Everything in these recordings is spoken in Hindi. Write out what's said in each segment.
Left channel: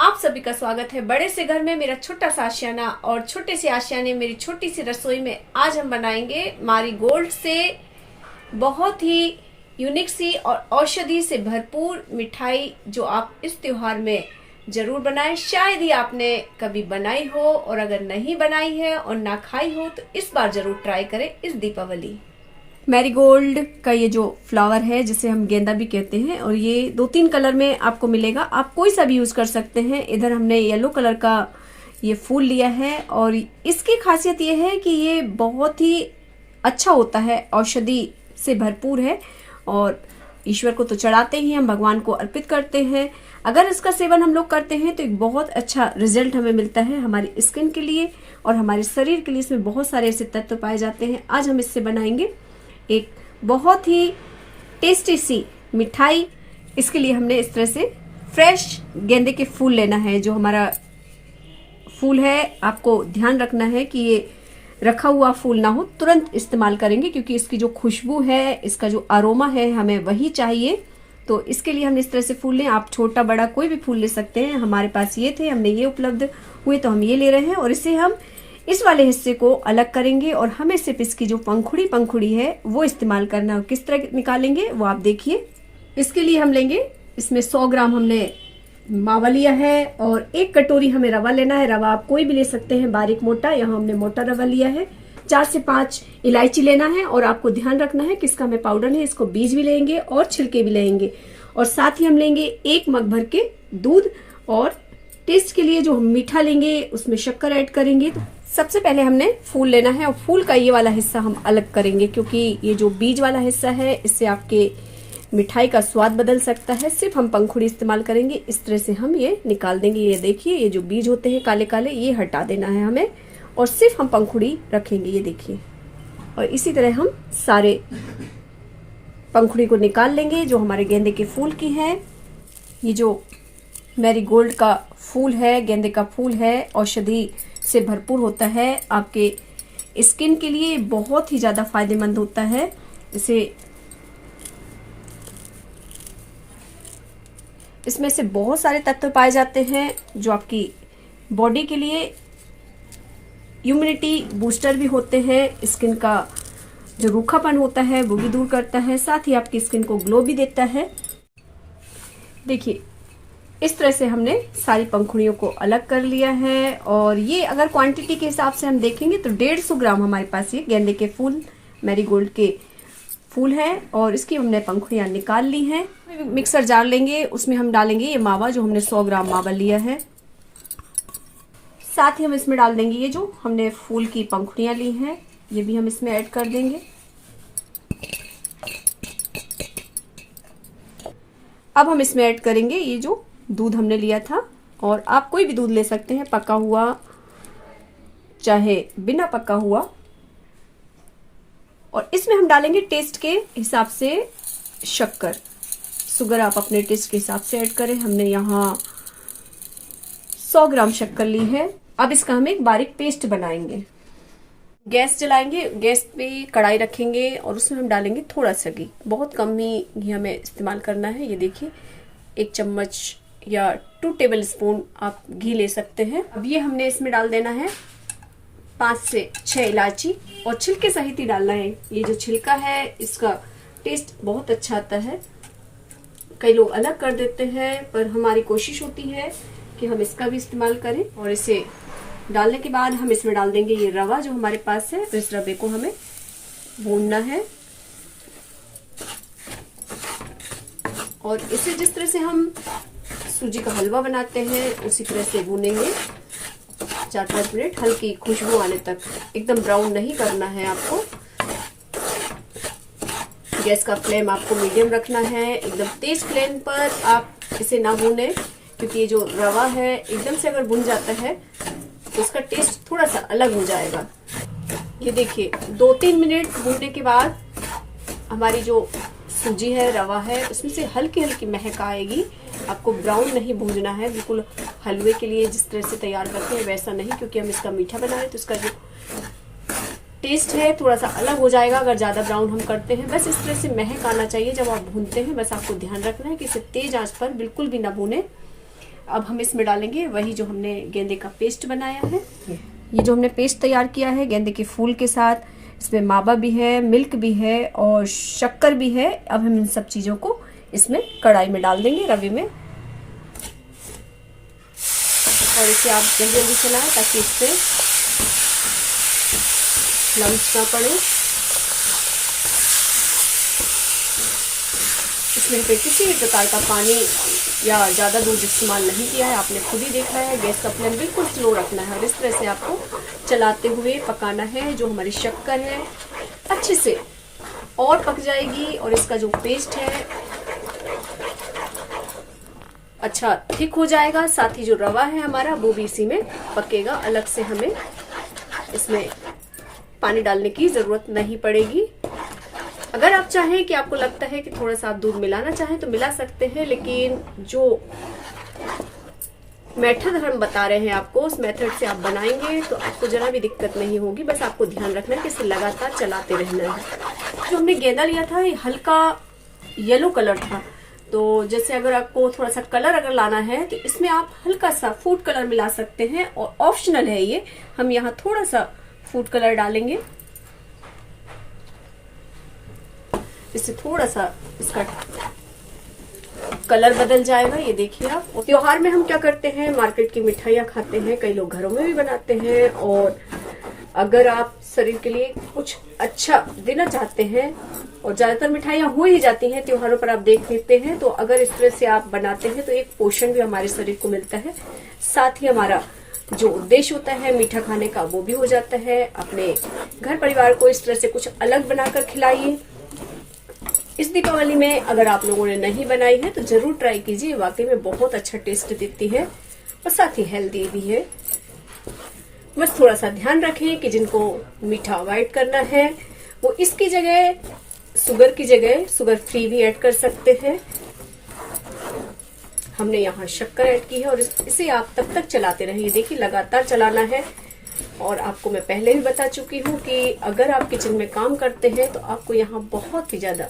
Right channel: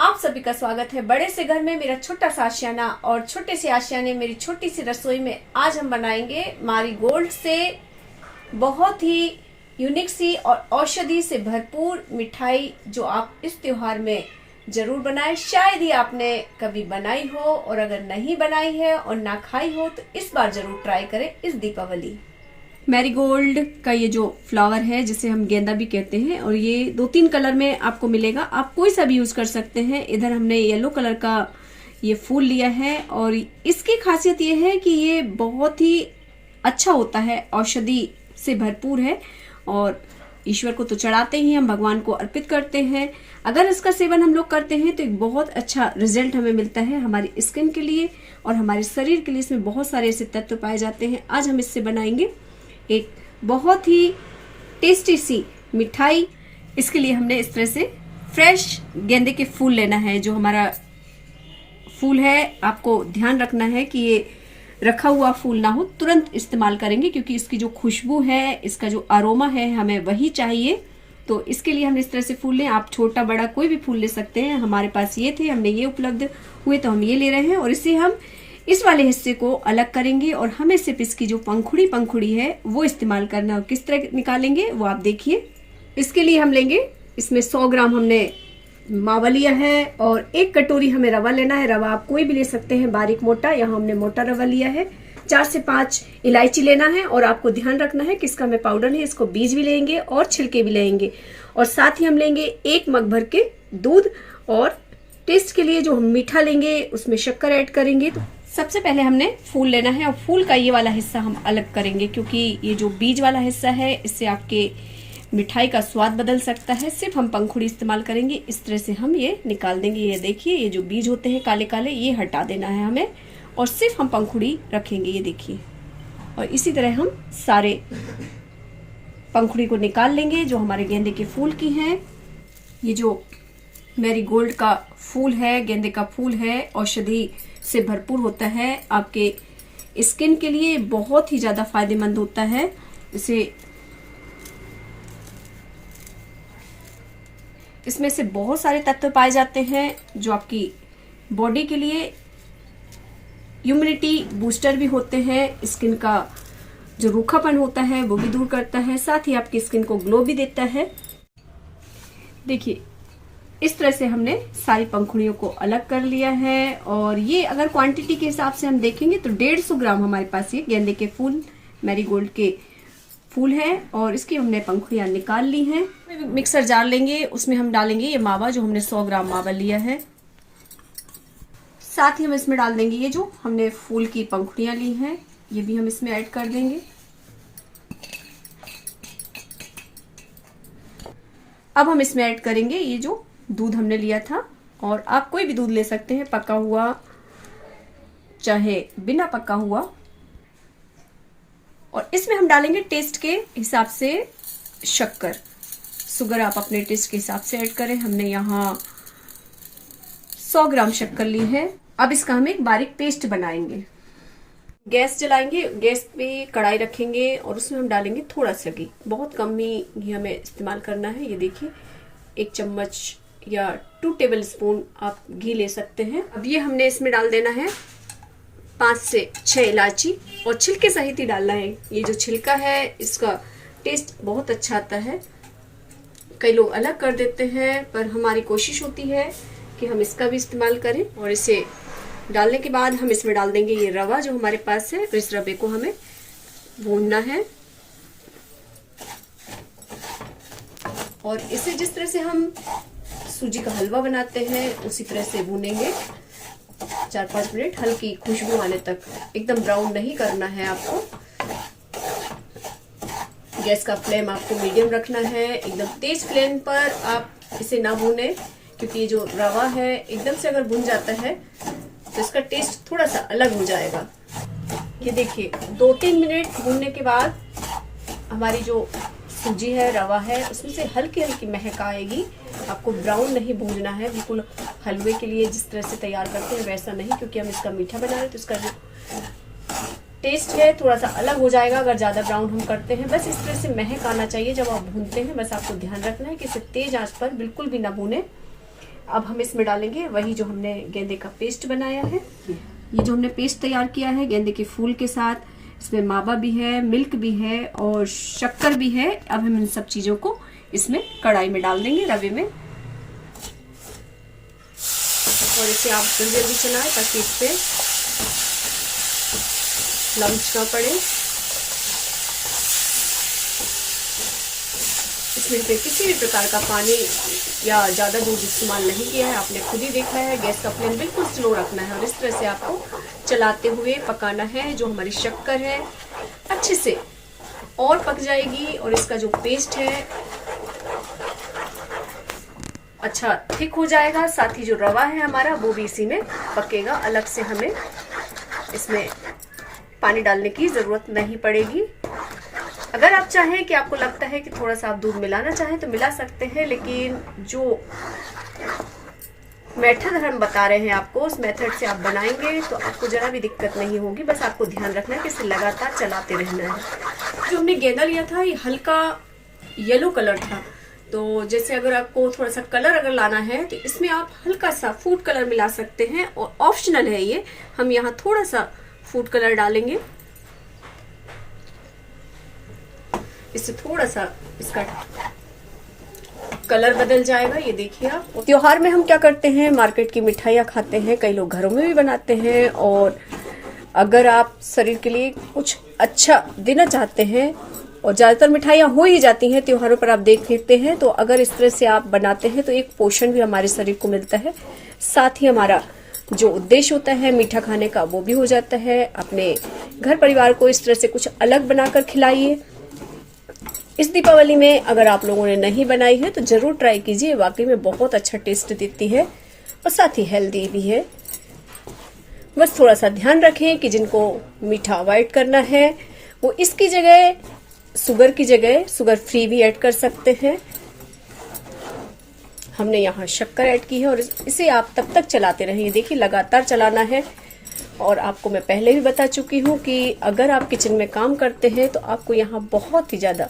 आप सभी का स्वागत है बड़े से घर में मेरा छोटा सा आशियाना। और छोटे से आशियाने मेरी छोटी सी रसोई में आज हम बनाएंगे मारीगोल्ड से बहुत ही यूनिक सी और औषधि से भरपूर मिठाई, जो आप इस त्योहार में जरूर बनाएं। शायद ही आपने कभी बनाई हो, और अगर नहीं बनाई है और ना खाई हो तो इस बार जरूर ट्राई करें इस दीपावली। मैरीगोल्ड का ये जो फ्लावर है, जिसे हम गेंदा भी कहते हैं, और ये 2-3 कलर में आपको मिलेगा। आप कोई सा भी यूज कर सकते हैं। इधर हमने येलो कलर का ये फूल लिया है, और इसकी खासियत ये है कि ये बहुत ही अच्छा होता है, औषधि से भरपूर है, और ईश्वर को तो चढ़ाते ही हम भगवान को अर्पित करते हैं। अगर इसका सेवन हम लोग करते हैं तो एक बहुत अच्छा रिजल्ट हमें मिलता है हमारी स्किन के लिए और हमारे शरीर के लिए। इसमें बहुत सारे ऐसे तत्व पाए जाते हैं। आज हम इससे बनाएंगे एक बहुत ही टेस्टी सी मिठाई। इसके लिए हमने इस तरह से फ्रेश गेंदे के फूल लेना है। जो हमारा फूल है, आपको ध्यान रखना है कि ये रखा हुआ फूल ना हो, तुरंत इस्तेमाल करेंगे, क्योंकि इसकी जो खुशबू है, इसका जो अरोमा है, हमें वही चाहिए। तो इसके लिए हमने इस तरह से फूल लें। आप छोटा बड़ा कोई भी फूल ले सकते हैं। हमारे पास ये थे, हमने ये उपलब्ध हुए तो हम ये ले रहे हैं। और इसे हम इस वाले हिस्से को अलग करेंगे, और हमें सिर्फ इसकी जो पंखुड़ी है वो इस्तेमाल करना है। किस तरह निकालेंगे वो आप देखिए। इसके लिए हम लेंगे, इसमें 100 ग्राम हमने मावा लिया है, और 1 कटोरी हमें रवा लेना है। रवा आप कोई भी ले सकते हैं, बारीक मोटा, यहाँ हमने मोटा रवा लिया है। 4 से 5 इलायची लेना है, और आपको ध्यान रखना है कि इसका हमें पाउडर है, इसको बीज भी लेंगे और छिलके भी लेंगे। और साथ ही हम लेंगे 1 मग भर के दूध, और टेस्ट के लिए जो हम मीठा लेंगे उसमें शक्कर ऐड करेंगे। तो सबसे पहले हमने फूल लेना है, और फूल का ये वाला हिस्सा हम अलग करेंगे, क्योंकि ये जो बीज वाला हिस्सा है, इससे आपके मिठाई का स्वाद बदल सकता है। सिर्फ हम पंखुड़ी इस्तेमाल करेंगे। इस तरह से हम ये निकाल देंगे। ये देखिए, ये जो बीज होते हैं काले काले, ये हटा देना है हमें, और सिर्फ हम पंखुड़ी रखेंगे। ये देखिए, और इसी तरह हम सारे पंखुड़ी को निकाल लेंगे जो हमारे गेंदे के फूल की है। ये जो मैरीगोल्ड का फूल है, गेंदे का फूल है, औषधि से भरपूर होता है। आपके स्किन के लिए बहुत ही ज्यादा फायदेमंद होता है। इसमें से बहुत सारे तत्व पाए जाते हैं जो आपकी बॉडी के लिए इम्यूनिटी बूस्टर भी होते हैं। स्किन का जो रूखापन होता है वो भी दूर करता है, साथ ही आपकी स्किन को ग्लो भी देता है। देखिए, इस तरह से हमने सारी पंखुड़ियों को अलग कर लिया है। और ये अगर क्वांटिटी के हिसाब से हम देखेंगे तो 150 ग्राम हमारे पास ये गेंदे के फूल, मैरीगोल्ड के फूल है, और इसकी हमने पंखुड़ियां निकाल ली हैं। मिक्सर जार लेंगे, उसमें हम डालेंगे ये मावा, जो हमने 100 ग्राम मावा लिया है। साथ ही हम इसमें डाल देंगे ये जो हमने फूल की पंखुड़ियां ली हैं, ये भी हम इसमें ऐड कर देंगे। अब हम इसमें ऐड करेंगे ये जो दूध हमने लिया था, और आप कोई भी दूध ले सकते हैं, पका हुआ चाहे बिना पका हुआ। और इसमें हम डालेंगे टेस्ट के हिसाब से शक्कर। शुगर आप अपने टेस्ट के हिसाब से ऐड करें। हमने यहाँ 100 ग्राम शक्कर ली है। अब इसका हम एक बारीक पेस्ट बनाएंगे। गैस जलाएंगे, गैस पे कढ़ाई रखेंगे, और उसमें हम डालेंगे थोड़ा सा घी। बहुत कम ही घी हमें इस्तेमाल करना है। ये देखिए, 1 चम्मच या 2 टेबल स्पून आप घी ले सकते हैं। अब ये हमने इसमें डाल देना है 5 से 6 इलायची, और छिलके सहित ही डालना है। ये जो छिलका है, इसका टेस्ट बहुत अच्छा आता है। कई लोग अलग कर देते हैं, पर हमारी कोशिश होती है कि हम इसका भी इस्तेमाल करें। और इसे डालने के बाद हम इसमें डाल देंगे ये रवा जो हमारे पास है। इस रवे को हमें भूनना है, और इसे जिस तरह से हम सूजी का हलवा बनाते हैं उसी तरह से भूनेंगे 4-5 मिनट, हल्की खुशबू आने तक। एकदम ब्राउन नहीं करना है आपको। गैस का फ्लेम आपको मीडियम रखना है। एकदम तेज फ्लेम पर आप इसे ना भूने, क्योंकि ये जो रवा है एकदम से अगर भुन जाता है तो इसका टेस्ट थोड़ा सा अलग हो जाएगा। ये देखिए, 2-3 मिनट भूनने के बाद हमारी जो सूजी है, रवा है, उसमें से हल्की हल्की महक आएगी। आपको ब्राउन नहीं भूनना है, बिल्कुल हलवे के लिए जिस तरह से तैयार करते हैं वैसा नहीं, क्योंकि हम इसका मीठा बना रहे हैं तो इसका जो टेस्ट है थोड़ा सा अलग हो जाएगा अगर ज्यादा ब्राउन हम करते हैं। बस इस तरह से महक आना चाहिए जब आप भूनते हैं। बस आपको ध्यान रखना है कि इसे तेज आंच पर बिल्कुल भी ना भूने। अब हम इसमें डालेंगे वही जो हमने गेंदे का पेस्ट बनाया है। ये जो हमने पेस्ट तैयार किया है गेंदे के फूल के साथ, इसमें मावा भी है, मिल्क भी है और शक्कर भी है। अब हम इन सब चीजों को इसमें कढ़ाई में डाल देंगे, रवे में, और इसे आप जल्दी जल्दी चलाएं ताकि इस पे लम्स ना पड़े। इसमें पे किसी भी प्रकार का पानी या ज्यादा दूध इस्तेमाल नहीं किया है, आपने खुद ही देखा है। गैस का फ्लेम बिल्कुल स्लो रखना है और इस तरह से आपको चलाते हुए पकाना है। जो हमारी शक्कर है अच्छे से और पक जाएगी और इसका जो पेस्ट है अच्छा थिक हो जाएगा। साथ ही जो रवा है हमारा वो भी इसी में पकेगा। अलग से हमें इसमें पानी डालने की जरूरत नहीं पड़ेगी। अगर आप चाहें कि आपको लगता है कि थोड़ा सा आप दूध मिलाना चाहें तो मिला सकते हैं, लेकिन जो मेथड हम बता रहे हैं आपको, उस मेथड से आप बनाएंगे तो आपको जरा भी दिक्कत नहीं होगी। बस आपको ध्यान रखना है कि इसे लगातार चलाते रहना है। जो हमने गेंदा लिया था ये हल्का येलो कलर था, तो जैसे अगर आपको थोड़ा सा कलर अगर लाना है तो इसमें आप हल्का सा फूड कलर मिला सकते हैं और ऑप्शनल है ये। हम यहाँ थोड़ा सा फूड कलर डालेंगे, इससे थोड़ा सा इसका कलर बदल जाएगा। ये देखिए आप। त्योहार में हम क्या करते हैं, मार्केट की मिठाइयाँ खाते हैं, कई लोग घरों में भी बनाते हैं। और अगर आप शरीर के लिए कुछ अच्छा देना चाहते हैं, और ज्यादातर मिठाइयाँ हो ही जाती हैं त्योहारों पर, आप देख लेते हैं, तो अगर इस तरह से आप बनाते हैं तो एक पोषण भी हमारे शरीर को मिलता है। साथ ही हमारा जो उद्देश्य होता है मीठा खाने का वो भी हो जाता है। अपने घर परिवार को इस तरह से कुछ अलग बनाकर खिलाइए। इस दीपावली में अगर आप लोगों ने नहीं बनाई है तो जरूर ट्राई कीजिए, वाकई में बहुत अच्छा टेस्ट देती है और साथ ही हेल्दी भी है। बस थोड़ा सा ध्यान रखें कि जिनको मीठा अवॉइड करना है वो इसकी जगह शुगर की जगह शुगर फ्री भी ऐड कर सकते हैं। हमने यहाँ शक्कर ऐड की है और इसे आप तब तक चलाते रहेंगे। देखिए लगातार चलाना है। और आपको मैं पहले भी बता चुकी हूँ कि अगर आप किचन में काम करते हैं तो आपको यहाँ बहुत ही ज्यादा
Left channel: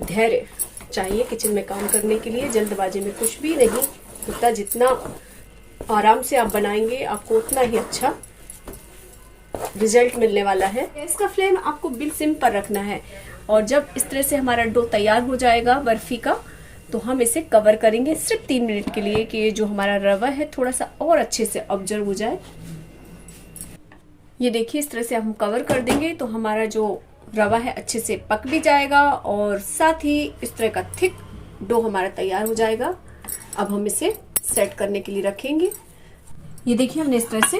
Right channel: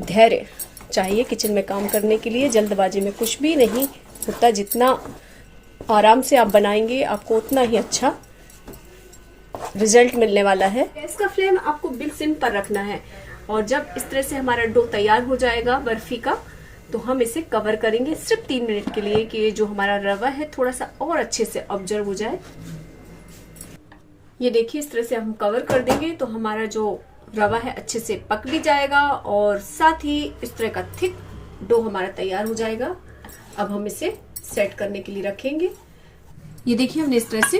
धैर्य चाहिए किचन में काम करने के लिए। जल्दबाजी में कुछ भी नहीं होता। जितना आराम से आप बनाएंगे आपको उतना ही अच्छा रिजल्ट मिलने वाला है। गैस का फ्लेम आपको बिल्कुल सिम पर रखना है और जब इस तरह से हमारा डो तैयार हो जाएगा बर्फी का तो हम इसे कवर करेंगे सिर्फ 3 मिनट के लिए कि जो हमारा रवा है थोड़ा सा और अच्छे से ऑब्जर्व हो जाए। ये देखिए इस तरह से हम कवर कर देंगे तो हमारा जो रवा है अच्छे से पक भी जाएगा और साथ ही इस तरह का थिक डो हमारा तैयार हो जाएगा। अब हम इसे सेट करने के लिए रखेंगे। ये देखिए हमने इस तरह से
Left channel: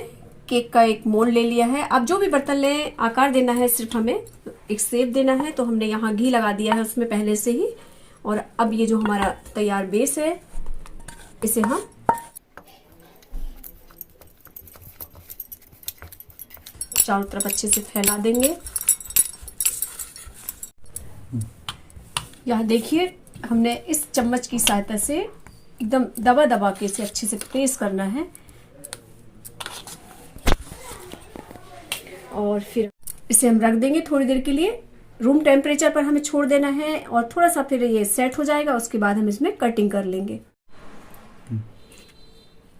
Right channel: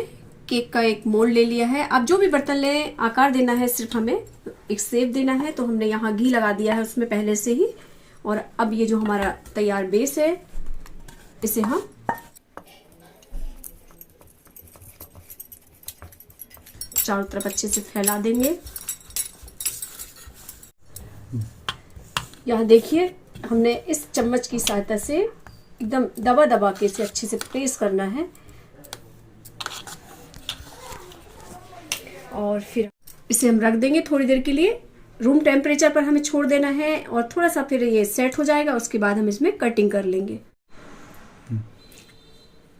केक का एक मोल्ड ले लिया है। आप जो भी बर्तन लें, आकार देना है, सिर्फ हमें एक शेप देना है। तो हमने यहाँ घी लगा दिया है उसमें पहले से ही। और अब ये जो हमारा तैयार बेस है इसे हम चारों तरफ अच्छे से फैला देंगे। यहाँ देखिए हमने इस चम्मच की सहायता से एकदम दबा दबा के इसे अच्छे से प्रेस करना है और फिर इसे हम रख देंगे थोड़ी देर के लिए। रूम टेम्परेचर पर हमें छोड़ देना है और थोड़ा सा फिर ये सेट हो जाएगा। उसके बाद हम इसमें कटिंग कर लेंगे।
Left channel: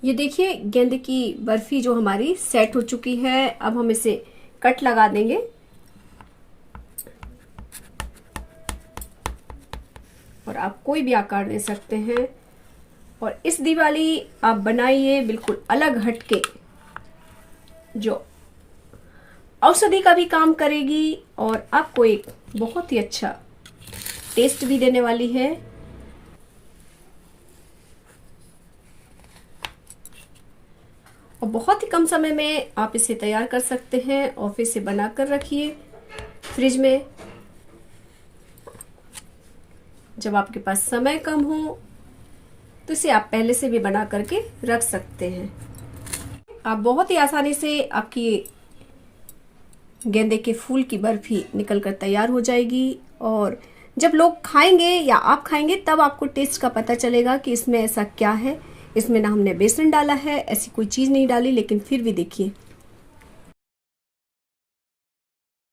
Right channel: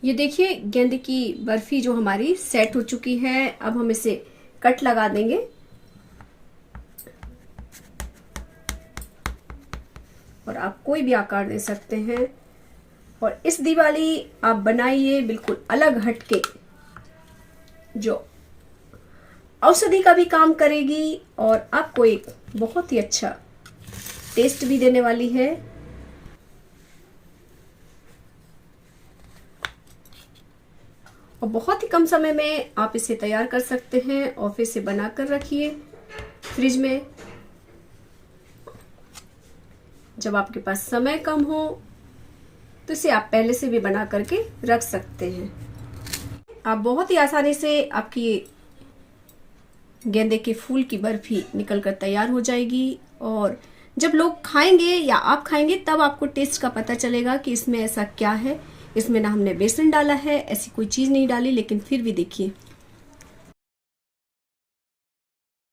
ये देखिए गेंदे की बर्फी जो हमारी सेट हो चुकी है। अब हम इसे कट लगा देंगे। और आप कोई भी आकार दे सकते हैं। और इस दिवाली आप बनाइए बिल्कुल अलग हटके, जो औषधि का भी काम करेगी और आपको एक बहुत ही अच्छा टेस्ट भी देने वाली है। और बहुत ही कम समय में आप इसे तैयार कर सकते हैं और फिर इसे बनाकर रखिए फ्रिज में। जब आपके पास समय कम हो तो इसे आप पहले से भी बना करके रख सकते हैं। आप बहुत ही आसानी से आपकी गेंदे के फूल की बर्फी निकलकर तैयार हो जाएगी। और जब लोग खाएंगे या आप खाएंगे तब आपको टेस्ट का पता चलेगा कि इसमें ऐसा क्या है। इसमें ना हमने बेसन डाला है, ऐसी कोई चीज नहीं डाली, लेकिन फिर भी देखिए।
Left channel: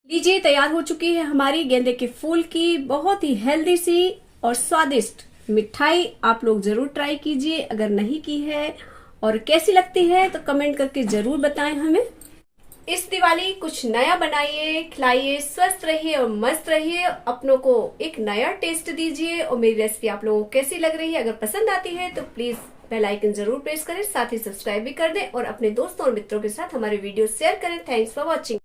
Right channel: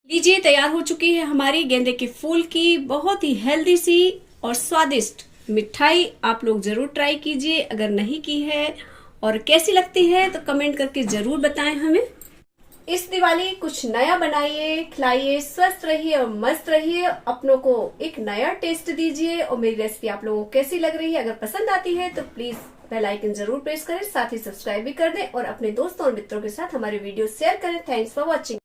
लीजिए तैयार हो चुकी है हमारी गेंदे के फूल की बहुत ही हेल्दी सी और स्वादिष्ट मिठाई आप लोग जरूर ट्राई कीजिए अगर नहीं की है, और कैसी लगती है तो कमेंट करके जरूर बताएं हमें। इस दिवाली कुछ नया बनाइए, खिलाइए, स्वस्थ रहिए और मस्त रहिए, अपनों को एक नया टेस्ट दीजिए। और मेरी रेसिपी आप लोगों को कैसी लग रही है, अगर पसंद आती है तो प्लीज बेल आइकन जरूर प्रेस करें, साथ ही सब्सक्राइब भी कर दें और अपने दोस्तों और मित्रों के साथ हमारे वीडियो शेयर करें। Thanks for watching.